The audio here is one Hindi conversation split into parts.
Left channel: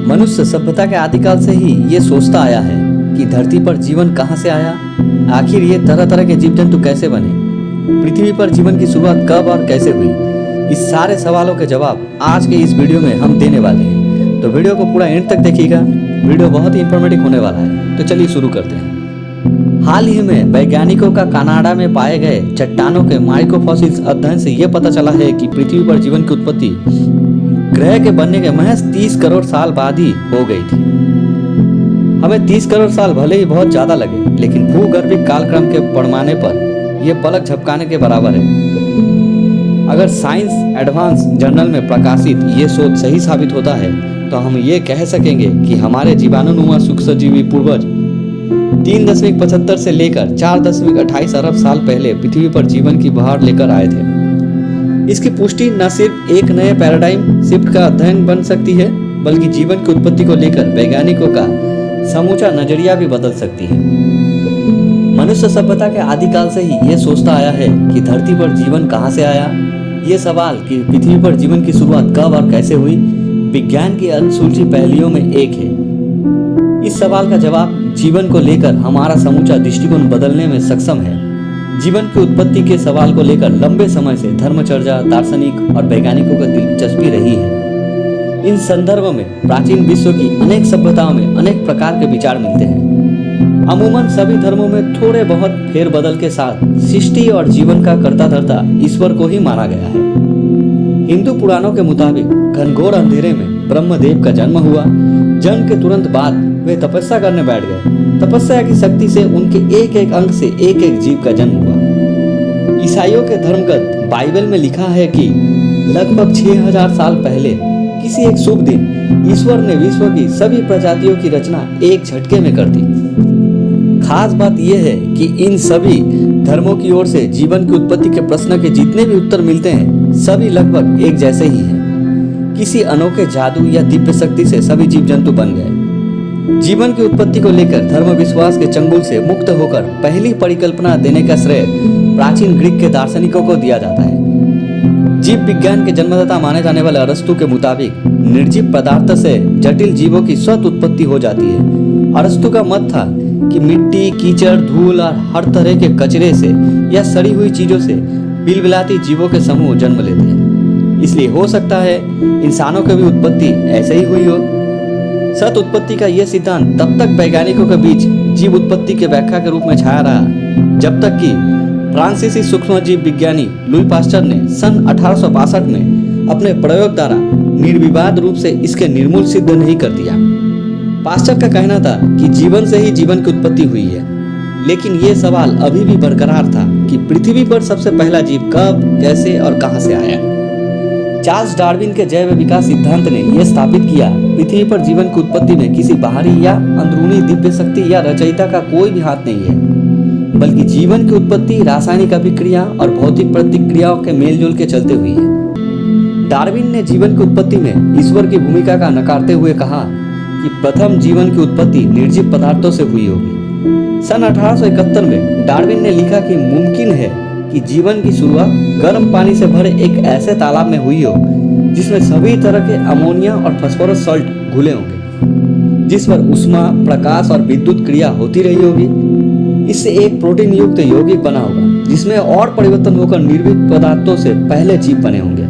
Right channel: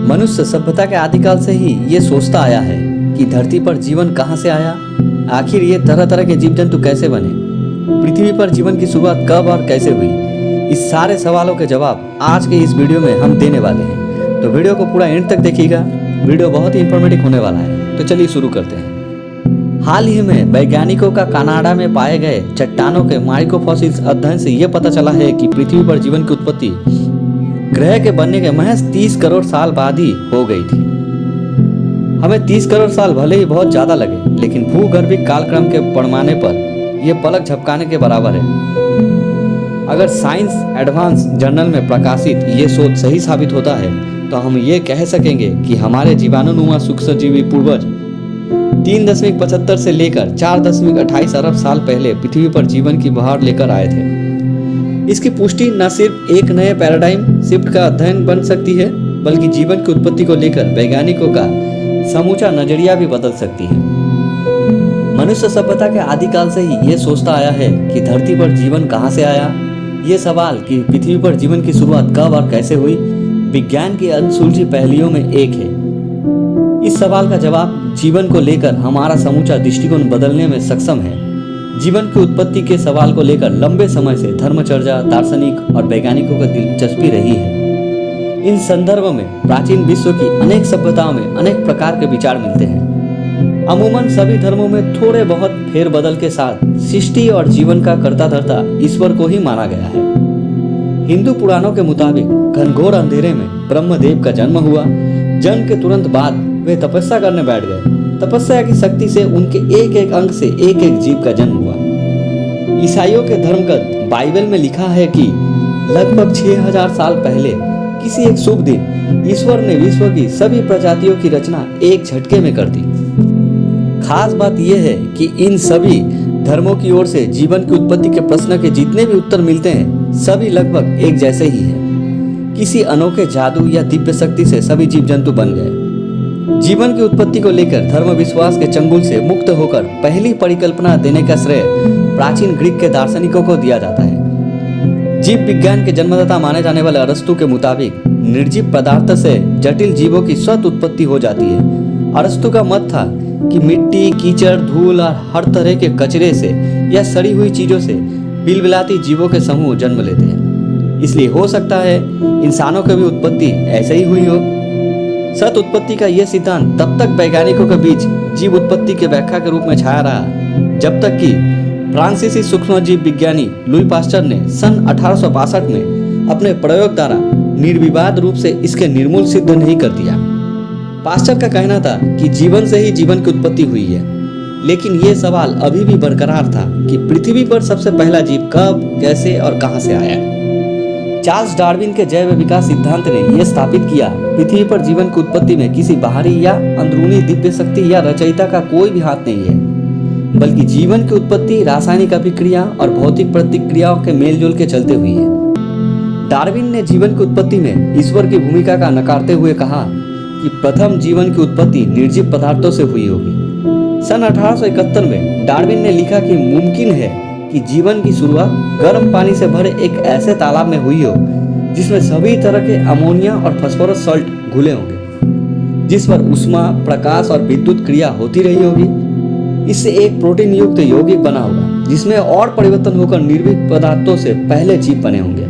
मनुष्य सभ्यता के आदिकाल से ही ये सोचता आया है कि धरती पर जीवन कहाँ से आया, आखिर ये तरह तरह के जीव जंतु कैसे बने, पृथ्वी पर जीवन की शुरुआत कब और कैसे हुई। इस सारे सवालों के जवाब आज के इस वीडियो में हम देने वाले हैं, तो वीडियो को पूरा एंड तक देखिएगा। वीडियो बहुत ही इंफॉर्मेटिव होने वाला है, तो चलिए शुरू करते हैं। हाल ही में वैज्ञानिकों का कनाडा में पाए गए चट्टानों के माइक्रोफॉसिल्स अध्ययन से यह पता चला है कि पृथ्वी पर जीवन की उत्पत्ति ग्रह के बनने के महज 30 करोड़ साल बाद ही हो गई थी। हमें 30 करोड़ साल भले ही बहुत ज्यादा लगे, लेकिन भूगर्भिक कालक्रम के पैमाने पर यह पलक झपकाने के बराबर है। अगर साइंस एडवांस जर्नल में प्रकाशित ये शोध सही साबित होता है तो हम ये कह सकेंगे कि हमारे जीवाणुनुमा सूक्ष्मजीवी पूर्वज 3.75 से लेकर 4.28 अरब साल पहले पृथ्वी पर जीवन की बहार लेकर आए थे। इसकी पुष्टि न सिर्फ एक नए पैराडाइम शिफ्ट का अध्ययन बन सकती है, बल्कि जीवन की उत्पत्ति को लेकर वैज्ञानिकों का समूचा नजरिया भी बदल सकती है। मनुष्य सभ्यता के आदिकाल से ही ये सोचता आया है कि धरती पर जीवन कहाँ से आया। ये सवाल कि पृथ्वी पर जीवन की शुरुआत कब और कैसे हुई, विज्ञान की अनसुलझी पहेलियों में एक है। इस सवाल का जवाब जीवन को लेकर हमारा समूचा दृष्टिकोण बदलने में सक्षम है। जीवन की उत्पत्ति के सवाल को लेकर लंबे समय से धर्मचर्चा, दार्शनिक और वैज्ञानिकों को दिलचस्पी रही है। इन संदर्भ में प्राचीन विश्व की अनेक सभ्यताओं में अनेक प्रकार के विचार मिलते हैं। अमूमन सभी धर्मों में थोड़े बहुत फेरबदल के साथ सृष्टि और जीवन का कर्ता धर्ता ईश्वर को ही माना गया है। हिंदू पुराणों के मुताबिक घनघोर अंधेरे में ब्रह्मदेव का जन्म हुआ। जन्म के तुरंत बाद वे तपस्या करने बैठ गए। तपस्या की शक्ति से उनके एक एक अंग से एक एक जीव का जन्म हुआ। ईसाइयों के धर्मग्रंथ बाइबल में लिखा है कि लगभग 6000 साल पहले किसी एक शुभ दिन ईश्वर ने विश्व की सभी प्रजातियों की रचना एक झटके में कर दी। खास बात यह है कि इन सभी धर्मों की ओर से जीवन की उत्पत्ति के प्रश्न के जितने भी उत्तर मिलते हैं, सभी लगभग एक जैसे ही हैं। किसी अनोखे जादू या दिव्य शक्ति से सभी जीव जंतु बन गए। जीवन की उत्पत्ति को लेकर धर्म विश्वास के चंगुल से मुक्त होकर पहली परिकल्पना देने का श्रेय प्राचीन ग्रीक के दार्शनिकों को दिया जाता है। जीव विज्ञान के जन्मदाता माने जाने वाले अरस्तु के मुताबिक निर्जीव पदार्थ से जटिल जीवों की स्वतः उत्पत्ति हो जाती है। अरस्तु का मत था कि मिट्टी, कीचड़, धूल और हर तरह के कचरे से या सड़ी हुई चीजों से बिलबिलाती जीवों के समूह जन्म लेते हैं। इसलिए हो सकता है इंसानों की भी उत्पत्ति ऐसे ही हुई हो। सत उत्पत्ति का यह सिद्धांत तब तक वैज्ञानिकों के बीच जीव उत्पत्ति के व्याख्या के रूप में छाया रहा, जब तक कि फ्रांसीसी सूक्ष्मजीव विज्ञानी लुई पास्चर ने सन 1862 में अपने प्रयोग द्वारा निर्विवाद रूप से इसके निर्मूल सिद्ध नहीं कर दिया। पास्चर का कहना था कि जीवन से ही जीवन की उत्पत्ति हुई है, लेकिन यह सवाल अभी भी बरकरार था कि पृथ्वी पर सबसे पहला जीव कब, कैसे और कहां से आया। चार्ल्स डार्विन के जैव विकास सिद्धांत ने यह स्थापित किया, पृथ्वी पर जीवन की उत्पत्ति में किसी बाहरी या अंदरूनी दिव्य शक्ति या रचयिता का कोई भी हाथ नहीं है, बल्कि जीवन की उत्पत्ति रासायनिक अभिक्रिया और भौतिक प्रतिक्रियाओं के मेलजोल के चलते हुई है। डार्विन ने जीवन की उत्पत्ति में ईश्वर की भूमिका का नकारते हुए कहा कि प्रथम जीवन की उत्पत्ति निर्जीव पदार्थों से हुई होगी। सन 1871 में डार्विन ने लिखा कि मुमकिन है कि जीवन की शुरुआत गर्म पानी से भरे एक ऐसे तालाब में हुई हो जिसमें सभी तरह के अमोनिया और फास्फोरस सॉल्ट घुले होंगे, जिस पर ऊष्मा, प्रकाश और विद्युत क्रिया होती रही होगी। इससे एक प्रोटीन युक्त यौगिक बना होगा, जिसमें और परिवर्तन होकर निर्जीव पदार्थों से पहले जीव बने होंगे।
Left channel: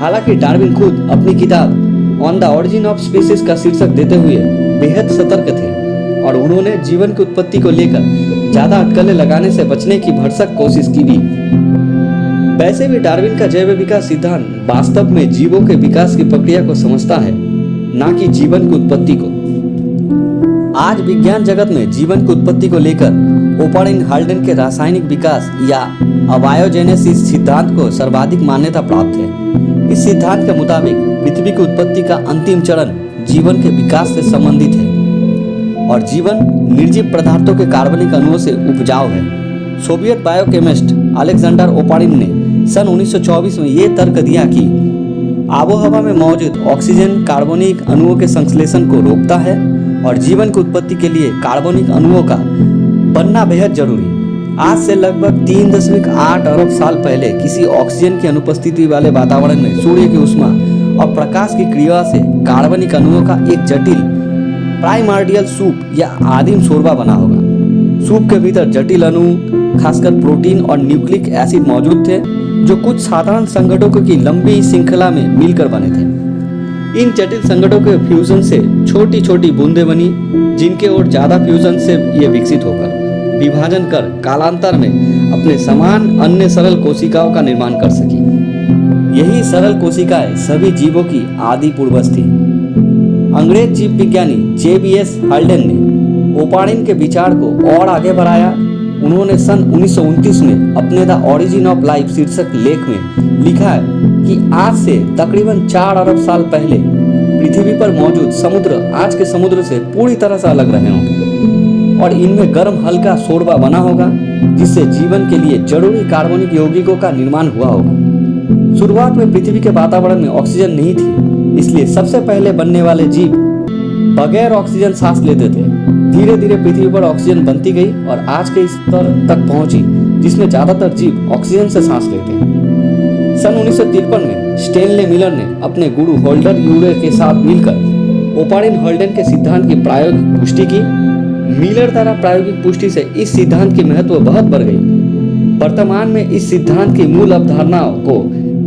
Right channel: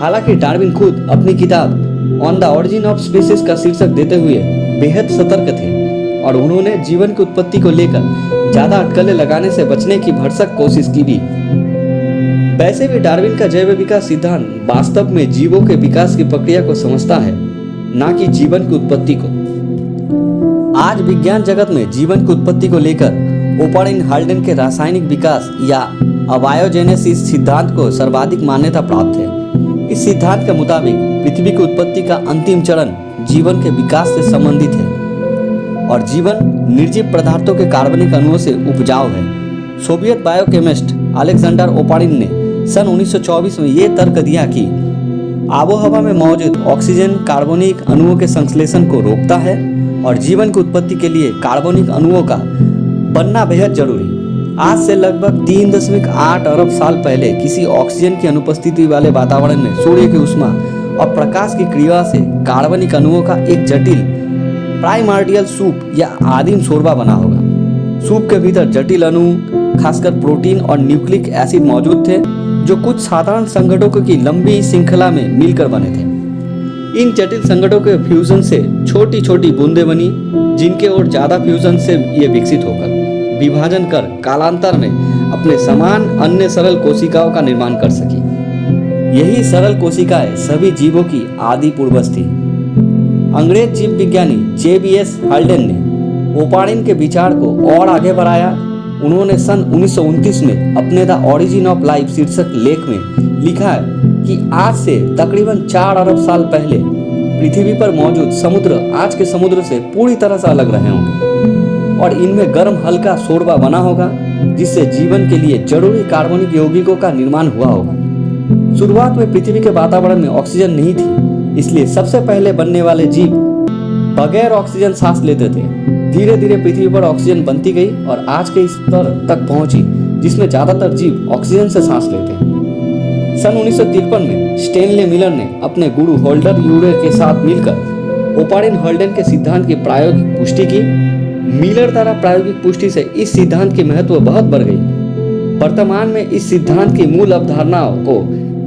हालांकि डार्विन खुद अपनी किताब on the origin of species का शीर्षक देते हुए बेहद सतर्क थे और उन्होंने जीवन की उत्पत्ति को लेकर ज्यादा अटकलें लगाने से बचने की भरसक कोशिश की भी। वैसे भी डार्विन का जैव विकास सिद्धांत वास्तव में जीवों के विकास की प्रक्रिया को समझता है, न कि जीवन की उत्पत्ति को। आज विज्ञान जगत में जीवन की उत्पत्ति को लेकर ओपन हाल्डेन के रासायनिक विकास या अबायोजेनेसिस सिद्धांत को सर्वाधिक मान्यता प्राप्त है। इस सिद्धांत के मुताबिक पृथ्वी की उत्पत्ति का अंतिम चरण जीवन के विकास से संबंधित है और जीवन निर्जीव पदार्थों के कार्बनिक अणुओं से उपजाऊ है। सोवियत बायोकेमिस्ट अलेक्जेंडर ओपारिन ने सन 1924 में यह तर्क दिया कि आबोहवा में मौजूद ऑक्सीजन कार्बनिक अणुओं के संश्लेषण को रोकता है और जीवन की उत्पत्ति के लिए कार्बनिक अणुओं का बनना बेहद जरूरी। आज से लगभग 3.8 अरब साल पहले किसी ऑक्सीजन की अनुपस्थिति वाले वातावरण में सूर्य की ऊष्मा और प्रकाश की क्रिया से कार्बनिक अणुओं का एक जटिल प्राइमर्डियल सूप या आदिम शोरबा बना होगा। सूप के भीतर जटिल अणु, खासकर प्रोटीन और न्यूक्लिक एसिड मौजूद थे, जो कुछ साधारण संगठनों की लंबी श्रृंखला में मिलकर बने थे। इन जटिल संगठनों के फ्यूजन से छोटी छोटी बूंदें बनी, जिनके और ज्यादा फ्यूजन से ये विकसित होकर विभाजन कर कालांतर में अपने समान अन्य सरल कोशिकाओं का निर्माण कर सकी। यही सरल कोशिकाएं सभी जीवों की आदि पूर्वज थी। अंग्रेज जीव विज्ञानी J.B.S. हाल्डेन ने ओपारिन के विचार को और आगे बढ़ाया। उन्होंने सन 1929 में अपने द ओरिजिन ऑफ लाइफ शीर्षक लेख में लिखा है कि आज से तकरीबन 4 अरब साल पहले पृथ्वी पर मौजूद समुद्र आज के समुद्र से पूरी तरह से अलग रहे होंगे और इनमें गर्म हल्का शोरबा बना होगा, जिससे जीवन के लिए जरूरी कार्बनिक यौगिकों का निर्माण हुआ होगा। शुरुआत में पृथ्वी के वातावरण में ऑक्सीजन नहीं थी, इसलिए सबसे पहले बनने वाले जीव बगैर ऑक्सीजन सांस लेते थे। धीरे धीरे पृथ्वी पर ऑक्सीजन बनती गई और आज के स्तर तक पहुंची, जिसमें ज्यादातर जीव ऑक्सीजन से सांस लेते हैं। सन 1953 में स्टेनले मिलर ने अपने गुरु होल्डर यूरे के साथ मिलकर ओपारिन हाल्डेन के सिद्धांत की प्रायोगिक पुष्टि की। मिलर द्वारा प्रायोगिक पुष्टि से इस सिद्धांत की महत्व बहुत बढ़ गई। वर्तमान में इस सिद्धांत की मूल अवधारणाओं को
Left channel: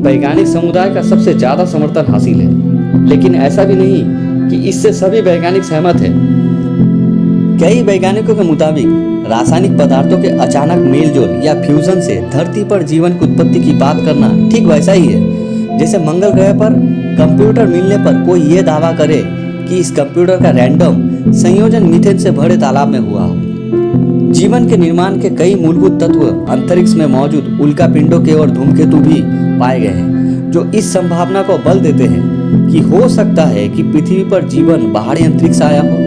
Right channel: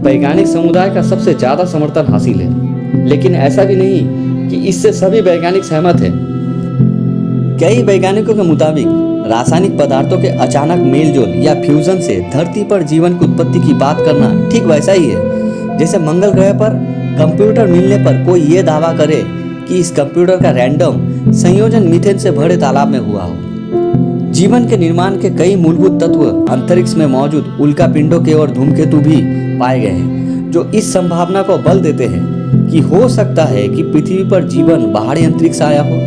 वैज्ञानिक समुदाय का सबसे ज्यादा समर्थन हासिल है, लेकिन ऐसा भी नहीं कि इससे सभी वैज्ञानिक सहमत हैं। कई वैज्ञानिकों के मुताबिक रासायनिक पदार्थों के अचानक मेलजोल या फ्यूजन से धरती पर जीवन की उत्पत्ति की बात करना ठीक वैसा ही है जैसे मंगल ग्रह पर कंप्यूटर मिलने पर कोई ये दावा करे कि इस कंप्यूटर का रैंडम संयोजन मीथेन से भरे तालाब में हुआ हो। जीवन के निर्माण के कई मूलभूत तत्व अंतरिक्ष में मौजूद उल्कापिंडों के और धूमकेतु भी पाए गए हैं, जो इस संभावना को बल देते हैं कि हो सकता है कि पृथ्वी पर जीवन बाहरी अंतरिक्ष आया हो।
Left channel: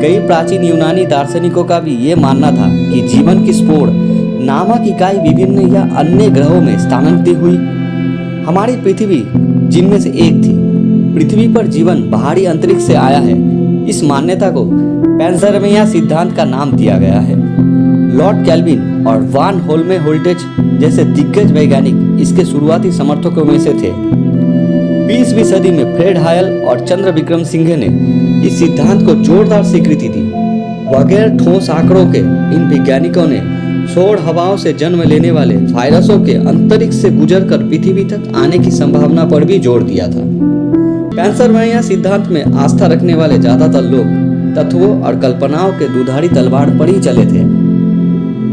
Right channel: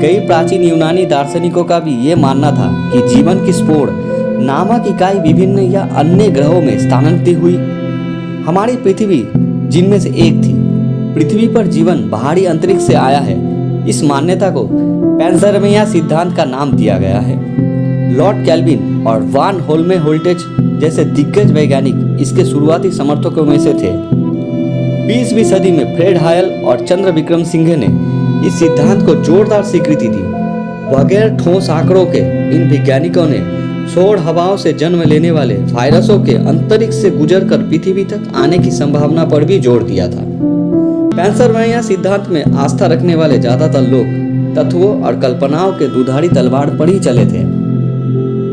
कई प्राचीन यूनानी दार्शनिकों का भी ये मानना था कि जीवन की स्पोर नामक इकाई विभिन्न या अन्य ग्रहों में स्थानांतरित हुई। हमारी पृथ्वी जिनमें से एक थी। पृथ्वी पर जीवन बाहरी अंतरिक्ष से आया है, इस मान्यता को पेंसरमेनिया सिद्धांत का नाम दिया गया है। लॉर्ड केल्विन और वान होल्मेहोल्ट्ज जैसे दिग्गज वैज्ञानिक इसके शुरुआती समर्थकों में से थे। 20वीं सदी में फ्रेड हायल और चंद्र विक्रम सिंघे ने इस सिद्धांत को जोरदार स्वीकृति दी। बगैर ठोस आंकड़ों के इन वैज्ञानिकों ने सौर हवाओं से जन्म लेने वाले वायरसों के अंतरिक्ष से गुजरकर पृथ्वी तक आने की संभावना पर भी जोर दिया था। पेंसरमेनिया सिद्धांत में आस्था रखने वाले ज्यादातर लोग तत्वों और कल्पनाओं के दुधारी तलवार पर ही चले थे।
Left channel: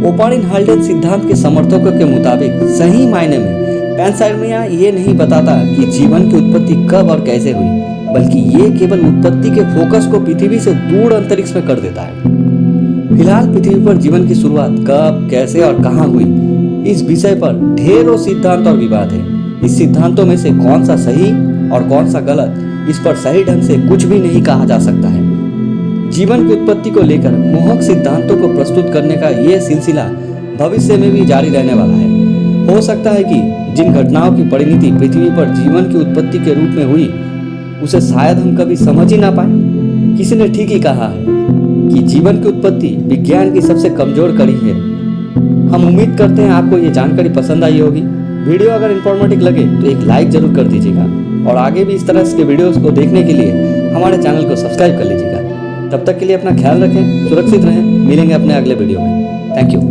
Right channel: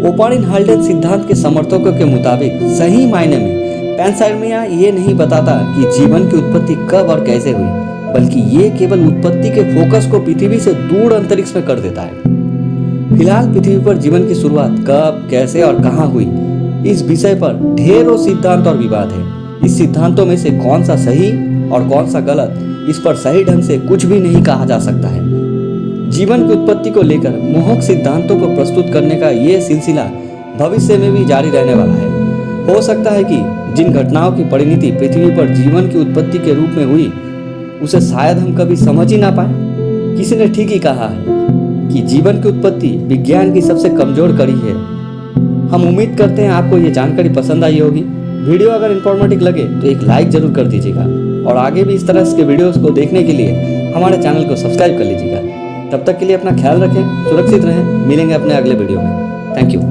ओपारिन हाल्डेन सिद्धांत के समर्थकों के मुताबिक सही मायने में पेंसरमेनिया ये नहीं बताता कि जीवन की उत्पत्ति कब और कैसे हुई, बल्कि ये केवल उत्पत्ति के फोकस को पृथ्वी से दूर अंतरिक्ष में कर देता है। फिलहाल पृथ्वी पर जीवन की शुरुआत कब, कैसे और कहां हुई, इस विषय पर ढेरों सिद्धांत और विवाद है। इस सिद्धांतों में से कौन सा सही और कौन सा गलत, इस पर सही ढंग से कुछ भी नहीं कहा जा सकता है। जीवन की उत्पत्ति को लेकर मोहक सिद्धांतों को प्रस्तुत करने का यह सिलसिला भविष्य में भी जारी रहने वाला है। हो सकता है कि जिन घटनाओं की परिणति पृथ्वी पर जीवन की उत्पत्ति के रूप में हुई, उसे शायद हम कभी समझ ही ना पाए। किसी ने ठीक ही कहा है कि जीवन की उत्पत्ति विज्ञान की सबसे कमजोर कड़ी है। हम उम्मीद करते हैं आपको ये जानकारी पसंद आई होगी। वीडियो अगर इंफॉर्मेटिव लगे तो एक लाइक जरूर कर दीजिएगा और आगे भी इस तरह के वीडियोस को देखने के लिए हमारे चैनल को सब्सक्राइब कर लीजिएगा। तब तक के लिए अपना ख्याल रखें, सुरक्षित रहें। मिलेंगे अपने अगले वीडियो में। Thank you.